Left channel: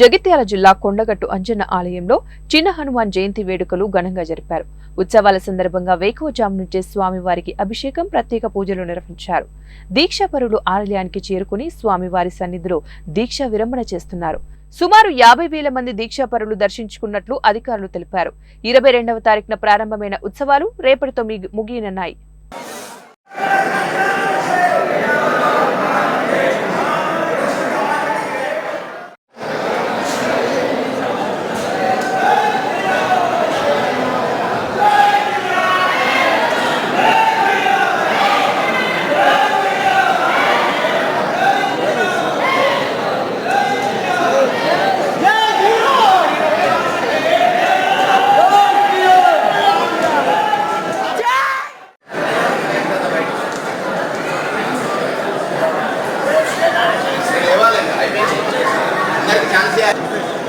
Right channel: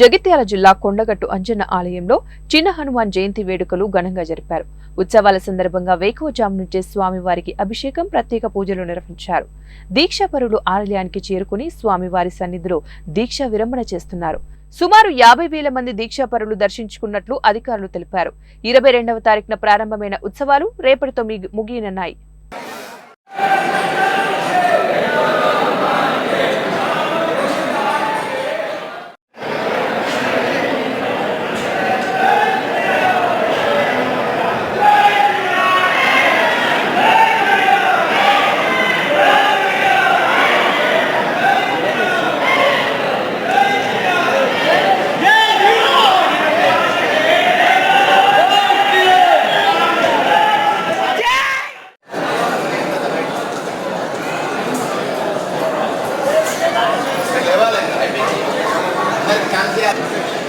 జగిత్యాల జిల్లా కొండగట్టు అంజన్న ఆలయంలో చిన్న హనుమాన్ జయంతి వేడుకలు ఘనంగా జరిపారు. ఉత్సవాల సందర్భంగా వేకువజాము నుంచే స్వామివారికి అభిషేకం, ప్రత్యేక పూజలు నిర్వహించారు. దీక్షాపరులు ఆలయానికి చేరుకుని స్వామివారి సన్నిధిలో దీక్ష విరమణ చేస్తున్నారు. సుమారు 50,000 మంది దీక్షాపరులు దర్శించుకున్నట్లు అధికారులు తెలిపారు. 22వ తారీఖున ప్రారంభమైన ఉత్సవాలు రేపటితో ముగియనున్నాయి. Gracias.